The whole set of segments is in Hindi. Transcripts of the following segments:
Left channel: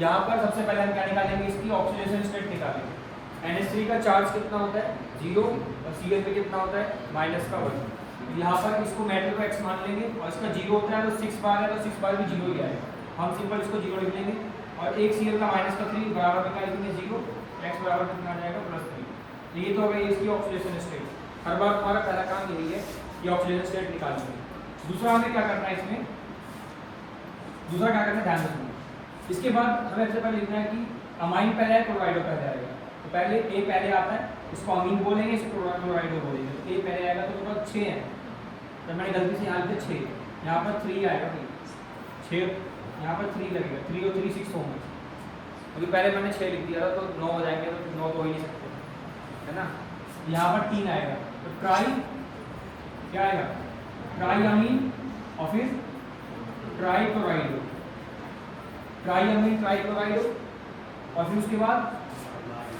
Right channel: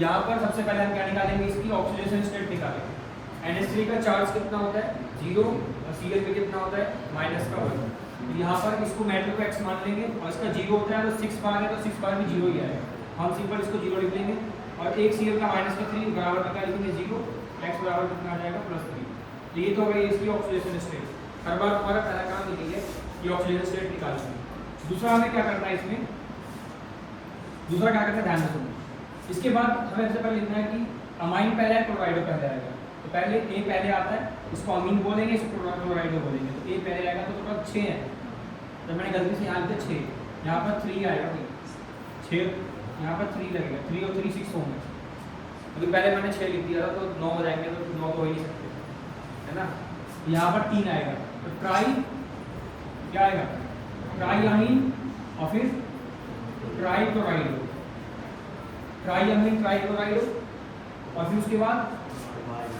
यहाँ पर सबसे पहले हम क्या निकालेंगे, इसकी ऑक्सीडेशन स्टेट निकालेंगे। NH3 का चार्ज कितना होता है 0 और CH में कितना होता है -1। यहाँ पर इसको मेटल को x मान लेंगे और इसका 0 होता है तो 6 बार है तो 6 बार भी 0 ही आएगा, हम सिंपल इसको 0 लिख देंगे। और एक Cl का -3 बराबर में क्या लिखेंगे 0, x बराबर कितना आ जाएगा +3। तो ये तो हो गई इसकी ऑक्सीडेशन स्टेट। हर बार हमारा पहला काम यही है कि ऑक्सीडेशन स्टेट निकालना है। दूसरा हमें क्या करना है इसमें, दूसरा क्या करना है ध्यान रखना। इसके बाद हमें सबसे पहले लिखना है कि अमाइन पहले है क्लोराइडो पहले आएगा। तो पहले A पहले आता है, इसको अमीन बोलेंगे, इसको क्लोराइडो बोलेंगे। तो A पहले आएगा तो थोड़ा 6 है, तो मैंने गलती से यहाँ लिखा 6, यहाँ पर 3 आएगा, 6 यहाँ पर 3 लगेगा, 3 और 3 6 होंगे। अभी पहले मैंने 6 लिख दिया था तो 9 हो जाएंगे, तो 9 तो हो ही नहीं सकते, है ना। यहाँ पर 3 आएगा तो ट्राई क्या आएगा, ट्राई अमीन और फिर ट्राई क्लोराइडो, ट्राई अमीन ट्राई क्लोराइडो और फिर उसके बाद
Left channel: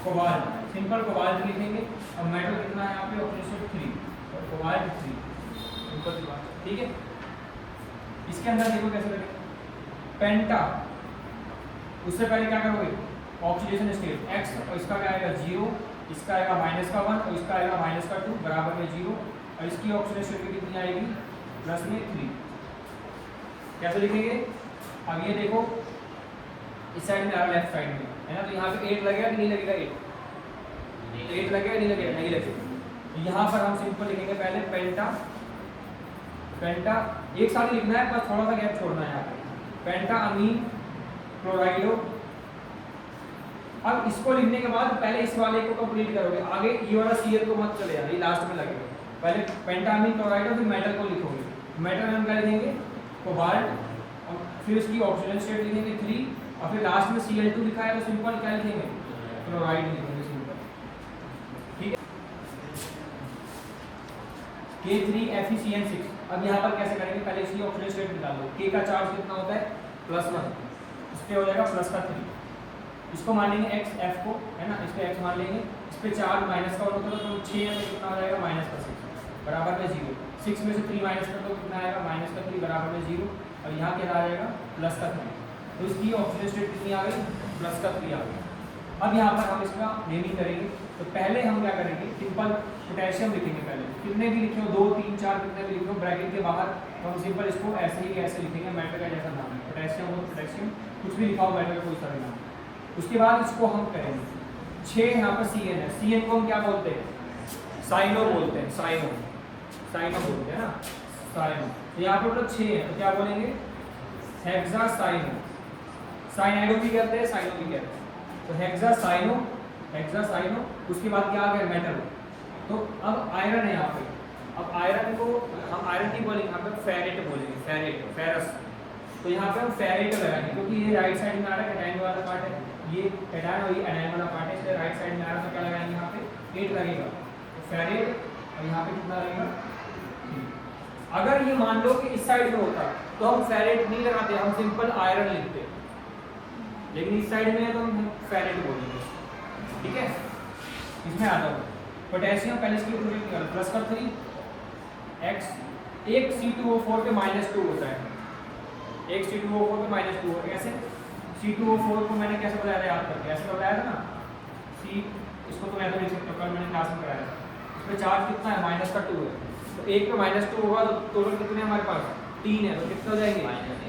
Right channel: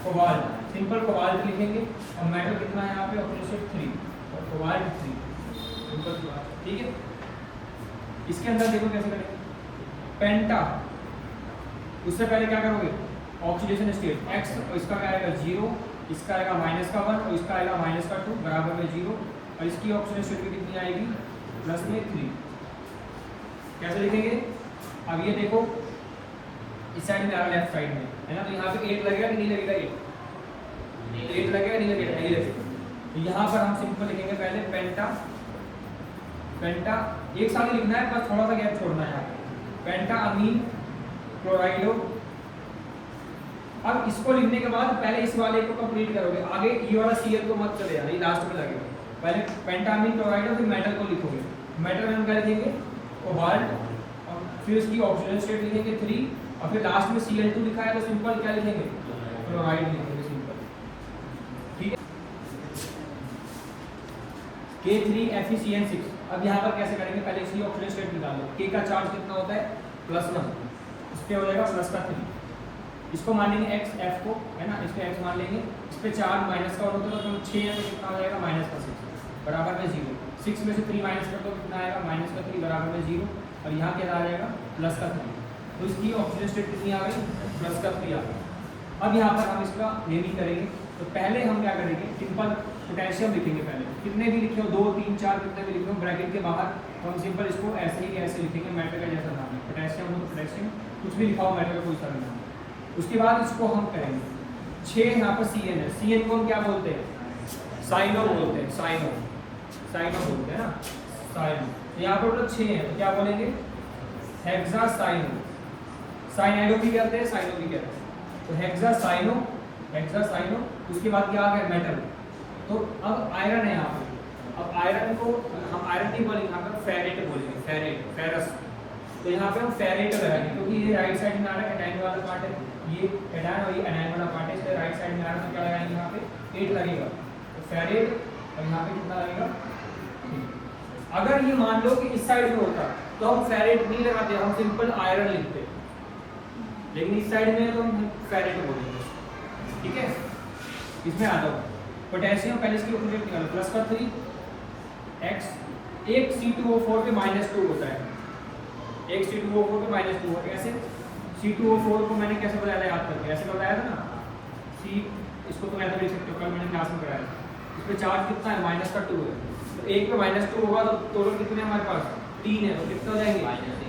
कोबाल्ट, सिंपल कोबाल्ट लिखेंगे। और मेटल कितना है यहाँ पे ऑक्सीडेशन 3 और कोबाल्ट 3, सिंपल सी बात, ठीक है। इसके अंदर देखो कैसे करेंगे, पेंटा, उससे पहले क्या करोगे ऑक्सीडेशन स्टेट x, और इसका क्या आएगा 0, इसका आएगा -1 और इसका आएगा -2 बराबर में 0, और इसकी ऑक्सीडेशन स्टेट कितनी आएगी +3। कैसे लिखेंगे, अब ये देखो इस साइड में आ रहा लेफ्ट साइड में, है ना। तो यहाँ पे 8 लगेगा कि नहीं लगेगा, 8 लगेगा नहीं लगेगा, नहीं लगेगा। तो यहाँ पर हम सिंपल लिखेंगे पहले पेंटा, पेंटा एक साथ ही लिखना है पर थोड़ा सा गैप छोड़ना है यहाँ पे, पेंटा अमीन क्लोराइडो। अब इसको लिखने के बाद पहले इस वाले को कंप्लीट करोगे, आगे ये वाला Cl को मत चले जाना, ये लास्ट में लगेगा। पहले पेंटा अमीन क्लोराइडो, फिर मेटल को लिखोगे, मेटल में हम क्या लिखेंगे कोबाल्ट, और फिर इसकी ऑक्सीजन स्टेट लिखेंगे 3, और फिर लास्ट में Cl2 लिखा है तो सिंपल क्या लिखेंगे क्लोराइड लिखेंगे, सिंपल, ठीक है। K3FeCN6। अब यहाँ पर कैसे करेंगे, पहले इसकी ऑक्सीजन स्टेट निकाल लो। K का चार्ज कितना होता है +1, इस पे हो जाएगा +3, इसको मान लेंगे x F को, है ना, इस पे x मान लेंगे, इस पे चार्ज माइनस का होगा तो 6 है तो कितना हो जाएगा -6 बराबर में 0, 6 में से 3 माइनस कर तो कितना आएगा -3 बराबर में 0, और यहाँ क्या आ जाएगा +3। तो इसकी ऑक्सीजन स्टेट कितनी आ गई +3 आ गई। अब यहाँ पर हम इसका नेमिंग करेंगे। तो पहले हम क्या करेंगे, सिंपल पोटेशियम लिखेंगे, पहले कितने भी लिखे हो 2 3 4 कितने भी लिखे हो ब्रैकेट के बाहर, तो हम सिंपल इसको ऐसे ही कैसे लिखेंगे, मेटल का जैसा नाम है पोटेशियम, हो पोटेशियम कुछ भी लिखा हो, मेटल का कोई सा भी नाम। उसके बाद इसको हम करेंगे 6, यहाँ पर CN है, CN को हम क्या बोलते हैं साइनो बोलते हैं, साइनो, साइनो बोलते हैं ना, साइनो। तो यहाँ पर 6 है तो क्या बोलेंगे हेक्सासाइनो, साइनाइडो भी कहते हैं साइनो भी कहते हैं। तो हेक्सासाइनो, हेक्सासाइनो। उसके बाद क्या आ गया मेटल। तो अब आयरन है यहाँ पे, अब आयरन को हम आयरन नहीं बोलेंगे, यहाँ पे फेरेट बोलेंगे, फेरेट, फेरस। तो यहाँ पे हम फेरेट लगाएंगे क्योंकि ये राइट साइड में आ रहा है, एनाइन वाला पार्ट है, ये एनाइन और ये एनाइन वाला पार्ट है, इसलिए राइट साइड में आ रहा है तो क्या लगाएंगे यहाँ पे 8 लगेगा, तो फेरेट, और यहाँ पे कितना लगेगा 3। अगर ये मान लो कि इस साइड में होता तो हम फेरेट नहीं लगाते, हम सिंपल आयरन लिखते, लेकिन इस साइड में है तो हम फेरेट बोलेंगे, ठीक है। इसमें आता है पोटेशियम, पहले इसकी ऑक्सीडेशन निकालो +3 x, एक C2O4 पे -2 होता है, एक C2O4 पे -2 है। कैसे C2O4 को मैंने कैसे बताया याद करके, ऐसे बताया था ना, C, इसको तो मैं तो लिख सकता हूँ, मैंने क्लास में कराया था। इस पे चार्ज कितना है -2 है, तो एक पे -2 होगा तो टोटल कितने हमारे पास 3 है, तो कितना हो जाएंगे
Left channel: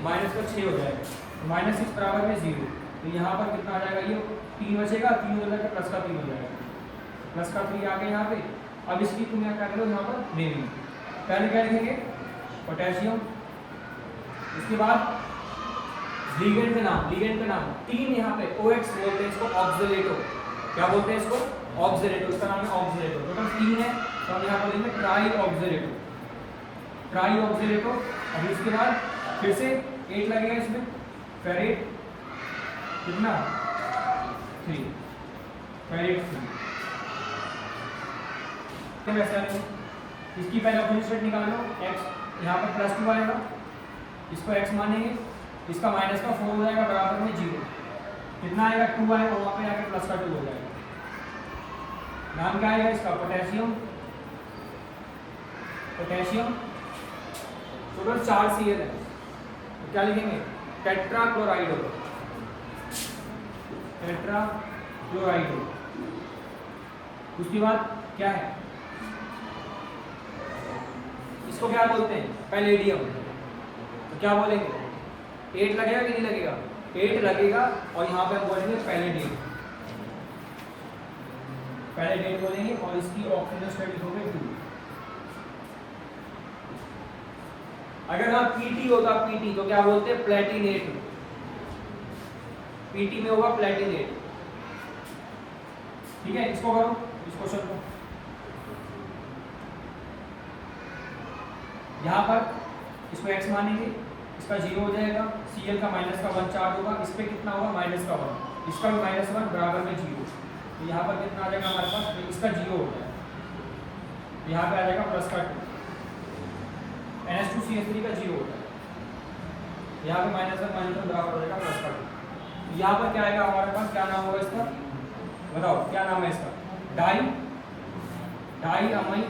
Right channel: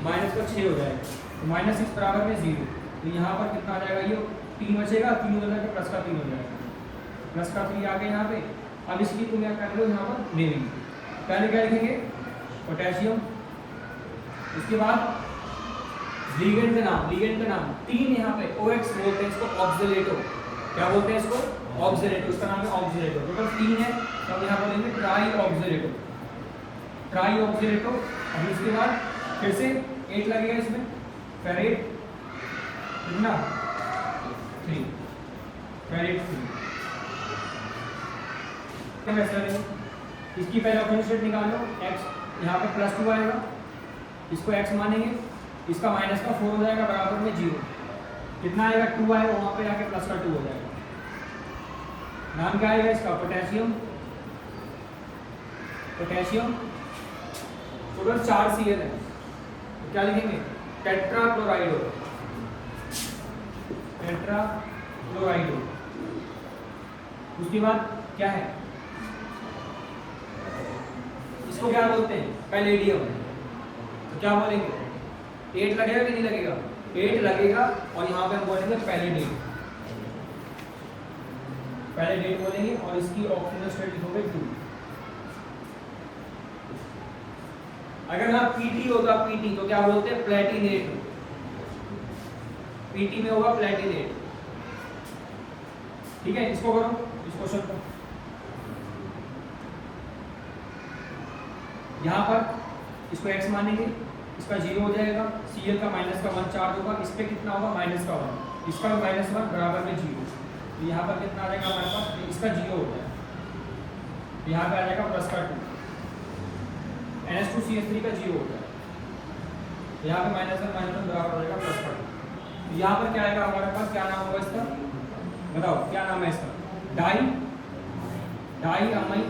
-6 हो जाएगा, तो -6 बराबर में 0। तो यहाँ पर कितना आ जाएगा, ये 3 बचेगा, 3 हो जाएगा +3 हो जाएगा, +3 आ गया यहाँ पे। अब इसकी तुम क्या करो यहाँ पर नेमिंग, पहले क्या लिखेंगे पोटेशियम, उसके बाद लिगेंड का नाम, लिगेंड का नाम 3 यहाँ पे OX बोलते हैं इसको, ऑक्सीलेटो, क्या बोलते हैं इसको ऑक्सीलेटो, इसका नाम है ऑक्सीलेटो। टोटल 3 है तो हम यहाँ बोलेंगे ट्राई ऑक्सीलेटो, ट्राई ऑक्सीलेटो। अब इसके बाद फिर से 8 लगेगा इसमें, फेरेट कितना 3, फेरेट 3। इसकी पहले ऑक्सीजन स्टेट निकाल लो, x यहाँ पे +2 आएगा, इसको x मानेंगे, इसका -4 हो जाएगा बराबर में 0, कितना आएगा 2 आएगा, वहाँ पे आके +2 हो जाएगा। नाम क्या आएगा इसका पोटेशियम, पोटेशियम। टोटल 4 Cl है, तो क्या लिखेंगे टेट्राक्लोराइडो, टेट्रा क्लोराइड। उसके बाद क्या है, इसको क्या बोलते हैं, पैलेडियम। तो क्या बोलेंगे, 8 लगेगा कि नहीं लगेगा, 8 लगेगा और यहाँ पे हम बोलेंगे पैलेडियम, पैलेडियम बोलेंगे और इसकी ऑक्सीजन स्टेट लिखोगे 2। अगर यहाँ पीटी होगा, पीटी तो क्या बोलते हैं, प्लेटिनेट। पीटी में होगा प्लेटिनेट। ठीक है, इसको करो, इस क्वेश्चन को यहाँ पर इसको x मानेंगे, इसका 0 हो जाएगा, Cl का माइनस का 1 चार्ज होगा, इस पे कितना होगा माइनस का 1, इसका भी -1 बराबर में 0। तो यहाँ पर कितना आ जाएगा हमारे पास, इसका 0 होता है, यहाँ पे आ जाएगा प्लस का 2, NH2CH3 का 0 होता है, यहाँ पे -1 बराबर हो जाएगा प्लस का 2। यहाँ पर क्या आएगा हमारे पास, क्या नाम होगा इसका, बताओ क्या नाम है इसका, डाई अमीन,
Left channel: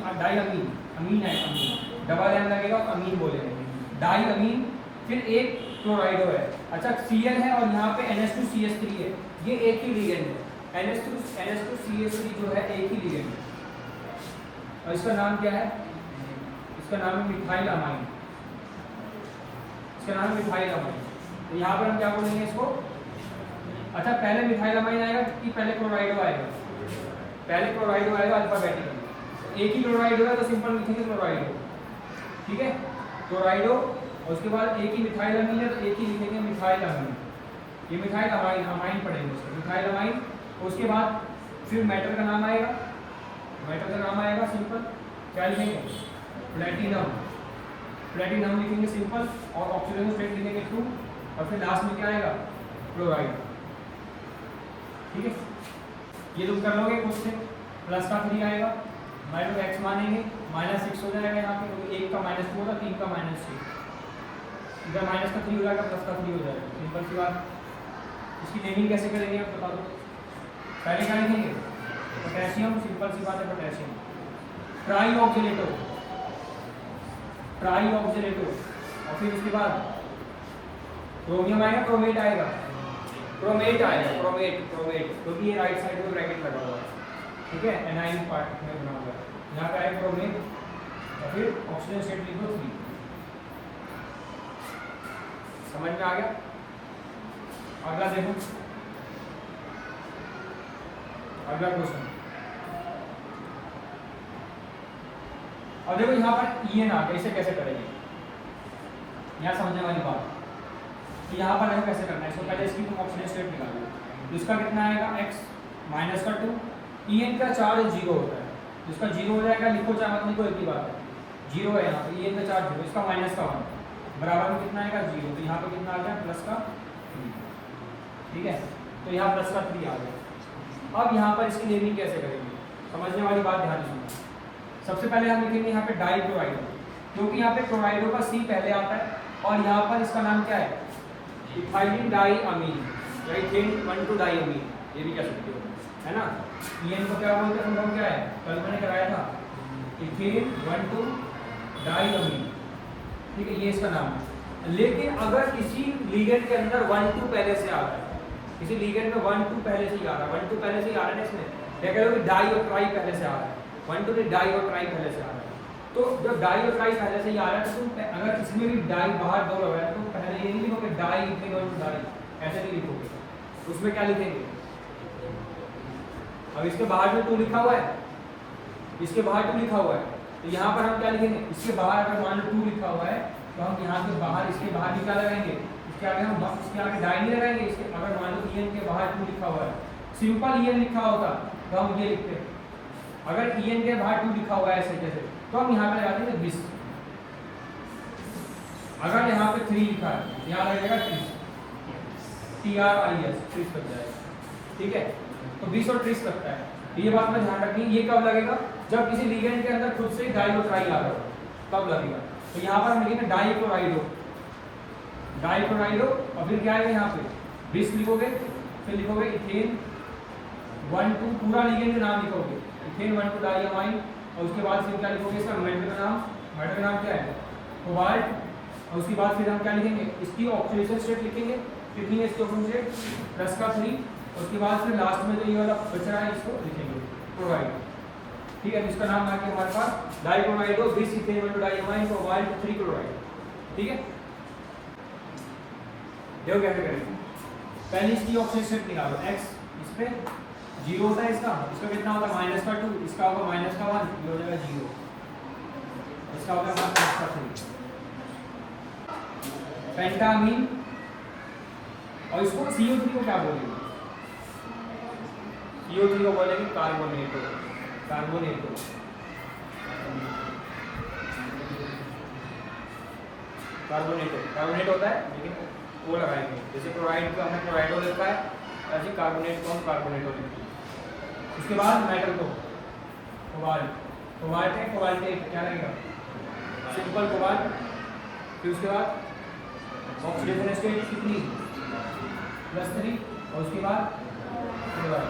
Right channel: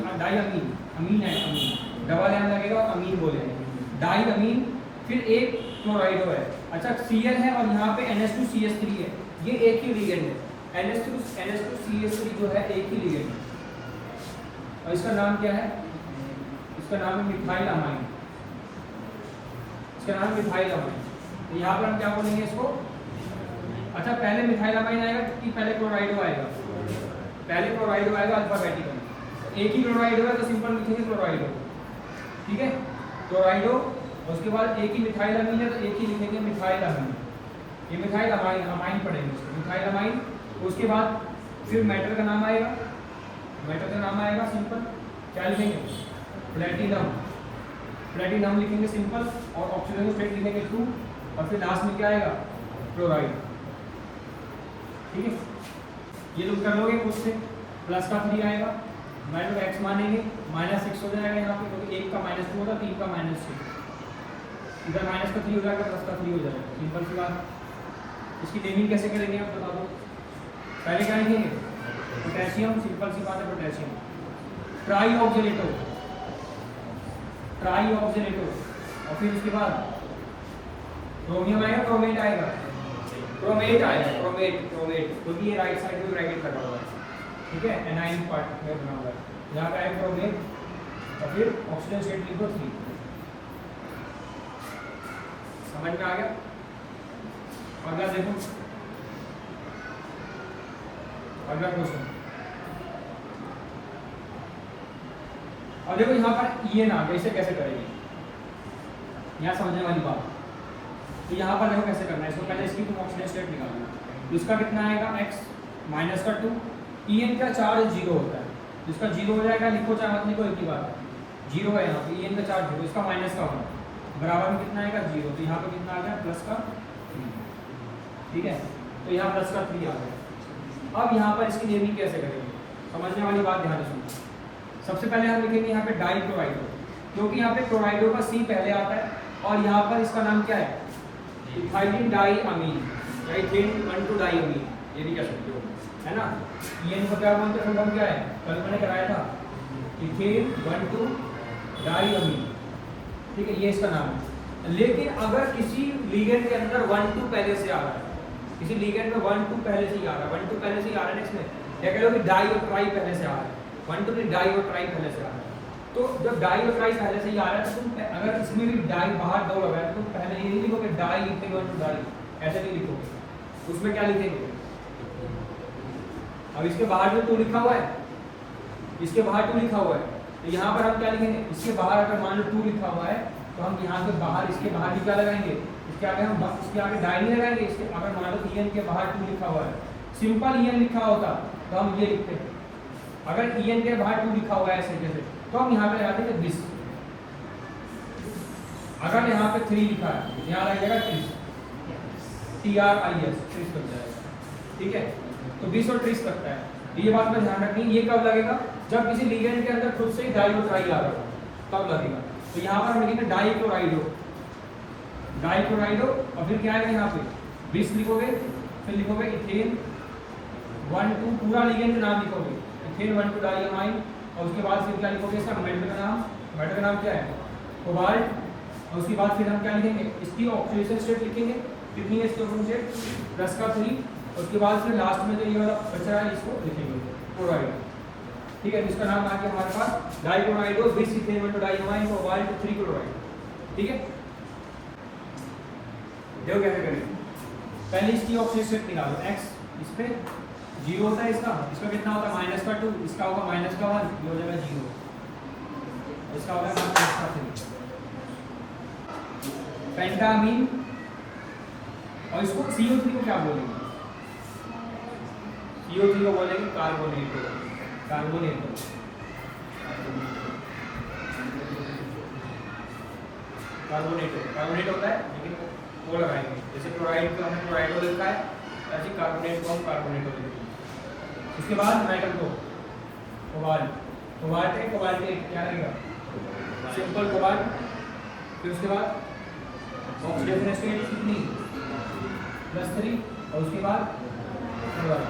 अमीन है, अमीन डबल एम लगेगा, अमीन बोलेंगे, डाई अमीन। फिर एक क्लोराइडो है, अच्छा Cl है और यहाँ पे NH2CH3 है, ये एक ही लिगेंड है, NH2CH3 जो है एक ही लिगेंड है और इसका नाम क्या है, इसका नाम है मिथाइल अमाइन, इसका नाम है मिथाइल अमाइन। तो यहाँ पे हम क्या बोलेंगे इसको, अच्छा पहले मिथाइल अमाइन आएगा कि पहले क्लोराइडो आएगा, पहले क्लोराइडो आएगा अल्फाबेटिकली, एक ही क्लोराइडो है तो सिंपल लिखेंगे क्लोराइडो। ठीक है, क्लोराइडो, और उसके बाद एक ही मिथाइल अमीन है तो एक ही लिखेंगे मिथाइल अमीन, ये मिथाइल अमाइन, अमाइन पढ़ेंगे मिथाइल अमाइन। उसके बाद फिर मेटल का नाम आएगा, मेटल का नाम आएगा सिंपल, क्या लिखेंगे, प्लेटिनम, प्लेटिनम लिखेंगे सिंपल, और ऑक्सीजन स्टेट लिखेंगे 2, और फिर लास्ट में क्या आएगा, क्लोराइड। ठीक है, ये तुम कर लोगे कुछ से, प्लस का 3 आएगा, माइनस एक्स मानेंगे, -6 हो जाएगा यहाँ पे, क्योंकि 1 का -2 होगा, 3 का -6, इधर माइनस का 3 हो जाएगा, प्लस का 3 हो जाएगा, सिंपल सी बात। इसकी नेमिंग कैसे करेंगे आप बता दो, पहले क्या लिखेंगे, पोटेशियम, सिंपल सी बात है पोटेशियम, ट्राई ऑक्सीलेटो, ट्राई ऑक्सीलेटो, और फिर उसके बाद क्रोमियम आएगा, क्रोमेट आएगा, क्रोमेट आएगा, क्रोमेट, क्रोमेट, क्योंकि ये राइट साइड में ब्रैकेट लगा हुआ है। ठीक है, एनाइन पार्ट में बना हुआ है, यहाँ पे आएगा क्रोमेट, और फिर ऑक्सीजन स्टेट लिखो 3। समझ में आ गया। अगला देखो, अगला क्वेश्चन, अब देखो यहाँ पर ये ना कैसे कैसे करेंगे, यहाँ समझने वाली बात। तो यहाँ पर देखो कैसे करना है, इसको पहले इसकी तुम ऑक्सीजन स्टेट निकालना है, तो इसका कितना आएगा, x माइनस का 2, En का चार्ज 0 होता है, उसका 0 हो जाएगा, लिखो चाहे मत लिखो एक ही बात है, 0 है यहाँ पे, En का चार्ज 0, इसका माइनस का 1 बराबर में कितना आएगा 0, तो यहाँ पे कितना आ गया प्लस का 3। ठीक है, तो यहाँ प्लस का 3 आ गया। अब यहाँ पर इसकी नेमिंग कैसे करेंगे, समझने वाली बात ध्यान रखना। सबसे पहले हम लिखेंगे यहाँ पे डाई क्लोराइडो, क्योंकि यहाँ पे क्लोराइडो का C पहले आता है, और यहाँ पर इसका नाम क्या है, इथाइलिन डाई अमीन, इथेन 1,2 डाई अमीन, ये भी कह सकते हो, है ना। ये को क्या बोलते हैं, क्या है, कल मैंने कराया था, इथेन 1,2 डाई अमीन। ठीक है, ये इसका नाम है। लेकिन अगर किसी लिगेंड के अंदर 1,2 पहले से आ रहा है, किसी लिगेंड में 1,2 पहले से ही आ रहा है, 1,2 पहले से ही आ रहा है, इसमें क्या कह रहे हो, डाई और ट्राई पहले से आ रहा है, 1,2 में डाई और ट्राई पहले से आ रहा है। तो जब डाई और ट्राई पहले से ही आ रहा है, तो तुम अगर इसमें भी डाई बाहर 2 लगा है, तो तुम पहले ये नहीं लिखोगे डाई लिखेंगे और डाई, ऐसे नहीं लिखोगे, उसमें क्या लिखेंगे, अब इसके बाहर में 2 लिखा हुआ है, इसके बाहर 2 लिखा हुआ है, तो यहाँ पर हम क्या लिखेंगे, इसके बाहर अगर मान लो 2 लिखा हुआ है, तो हम यहाँ के बाहर, इसके बाहर भी क्या लगाएंगे, इसके आगे हम इसके आगे डाई नहीं लगाएंगे, इसके अगर मान लो En के बाहर 2 लिखा हुआ है, सिंपल En लिखा होता तो हम ये लिखते हैं, अगर En के बाहर 2 लिखा हुआ है ऐसे जैसे, तो हम यहाँ पे लगाते हैं 20, अगर यहाँ पे 3 लिखा है, यहाँ लगेगा 30, TRIS 30 लग जाएगा। ठीक है, तो 20 और 30 लगता है, ये बात में ध्यान रखनी। ये कब लगेगा, जब किसी लिगेंड के अंदर खुद से ही डाई और ट्राई आ रहा था, तब लगेगा। तो यहाँ पर हम लिखेंगे डाई क्लोराइडो, डाई क्लोराइडो, और फिर क्या आएगा यहाँ पे 20 लिखोगे, फिर लिखोगे इथेन 1,2, पूरा लिगेंड का नाम लिखोगे, इथेन 1,2 डाई अमाइन, और उसके बाद फिर क्या लिखोगे, इसका मेटल का नाम, मेटल का नाम क्या है, कोबाल्ट, और उसके बाद फिर हम क्या लिखेंगे, इसकी ऑक्सीडेशन स्टेट लिखेंगे, कितनी है इसकी ऑक्सीडेशन स्टेट, +3, उसके बाद फिर लास्ट में जो ये वाला बच रहा है इसको लिखेंगे क्लोराइड। ठीक है, जिसका नाम आ गया हमारे पास dichloride bis ethane two diamine cobalt 3 chloride. ठीक है, देखो कैसे करेंगे। पहले इसकी ऑक्सीजन स्टेट निकालो, x इस पे 0 होता है, इसका कितना होगा -2, इसका होगा -1, ये हो जाएगा 0, इसका होगा -3 पेंटामीन। और इसको CO3 को क्या बोलेंगे? CO3 को बोलेंगे कार्बोनेट। कार्बोनेट कार्बोनेट होता है, लेकिन वो लगाएंगे जैसे क्लोराइड को हमें क्लोराइडो लिखा है, ऐसे कार्बोनेट को हम कार्बोनेटो लिखते हैं। उसके बाद मेटल को कोबाल्ट, कोबाल्ट है, कोबाल्ट के क्या रहेगा सिंपल कोबाल्ट। फिर उसके बाद ऑक्सीडेशन स्टेट कितनी +3 और उसके बाद क्लोराइड।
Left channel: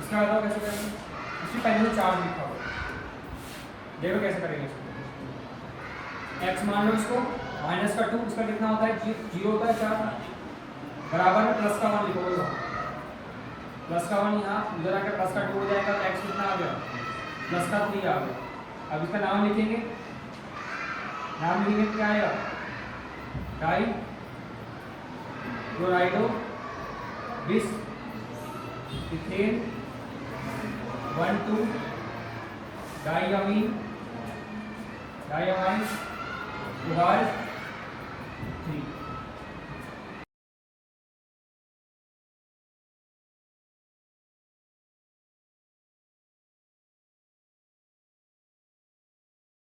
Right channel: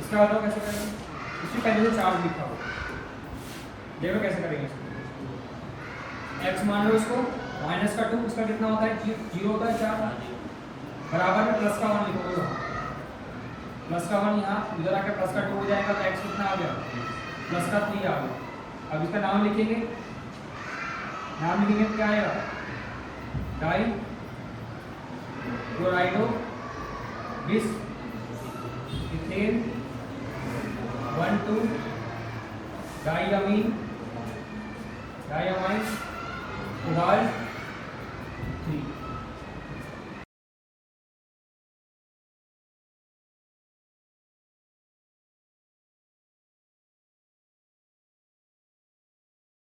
इसका बताओ कैसे करेंगे, इसकी पहले चार्ज लिखा हो, देखो कैसे करेंगे इसको। x मान लो इसको -2, इसका कितना होता है 0 होता है, क्या बराबर में प्लस का 1 लिखोगे वहाँ, प्लस का 1 यहाँ इधर आकर प्लस का 2 हो जाएगा, तो x कितना आ गया +3 आ गया। अब इसका नाम लिखेंगे, नाम लिखेंगे क्या आएगा डाई क्लोराइडो विच इथेन 1,2 डाइअमीन कोबाल्ट 3।